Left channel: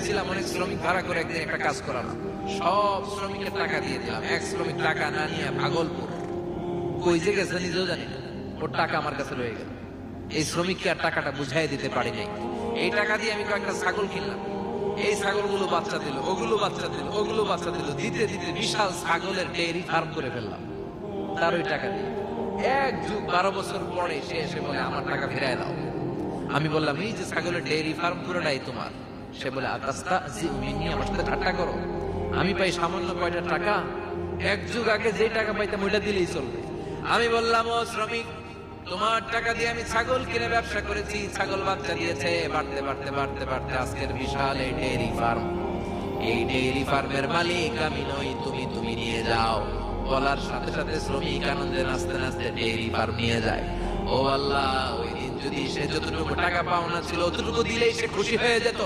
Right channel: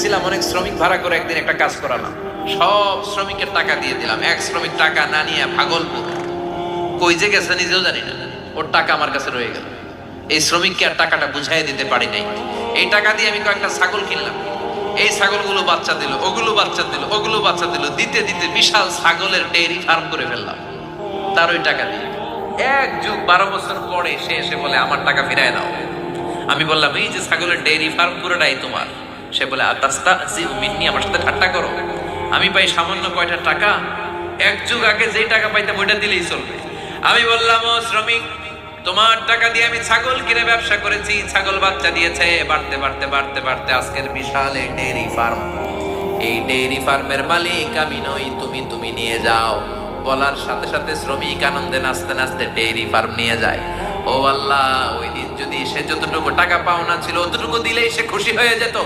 গেছিলাম অনেক শ্রমিক ভাড়া করে একদিন একটা কাজ করালাম। সব শ্রমিকের টাকা দিয়ে দিলাম। এক শ্রমিক টাকা না নিয়ে ভাগলপুর কই যে গেছে নিজেও জানি না, ওর টাকা আমার কাছে রয়ে গেল। এই শ্রমিককে আর টাকাটা বুঝাই দিতে পারি নাই। এই টাকা দিয়ে আমি কয়েকটা ছাগল কিনলাম। এই ছাগলগুলো বাচ্চা দিল, ওগুলো বাচ্চা দিল, ওগুলো বাচ্চা দিল, দিতে দিতে বিশাল ছাগলের ডেইরি ফার্ম করে ফেললাম তার ওই টাকা দিয়ে। 1 যুগ 12 বছর পরে সে এসে বলে আমার টাকা ফিরায় নাও। আমি বললাম এই যে ছাগলের ডেইরি ফার্ম পুরোটাই তোমার। সে বলে আতাস্তাহজিউ মিন্নি, আমার সাথে ঠাট্টা করো? আমি পাই সামান্য কয়টা টাকা, 1 যুগ আগে যে টাকা পাইতাম ওইটা দিলেই চলবে। আমি বললাম ও শ্রমিক, তোমার টাকা দিয়ে আমি ছাগল কিনে ব্যবসা করেছি, ছাগল বাচ্চা দিয়েছে, বাড়তে বাড়তে বাড়তে বাড়তে আজকের বিশাল এই ডেইরি ফার্ম। এই ডেইরি ফার্মের মালিক আমি নই, তুমি তুমি নিয়ে যাও। বলার সাথে সাথে শ্রমিক আনন্দে নাচতে নাচতে ডেইরি ফার্ম নিয়ে যায়। ও আল্লাহ, ওই দিন যদি সে যতটুকু টাকা পাওনা ছিল অতটুকু দিলেই সে খুশি হয়ে যেত।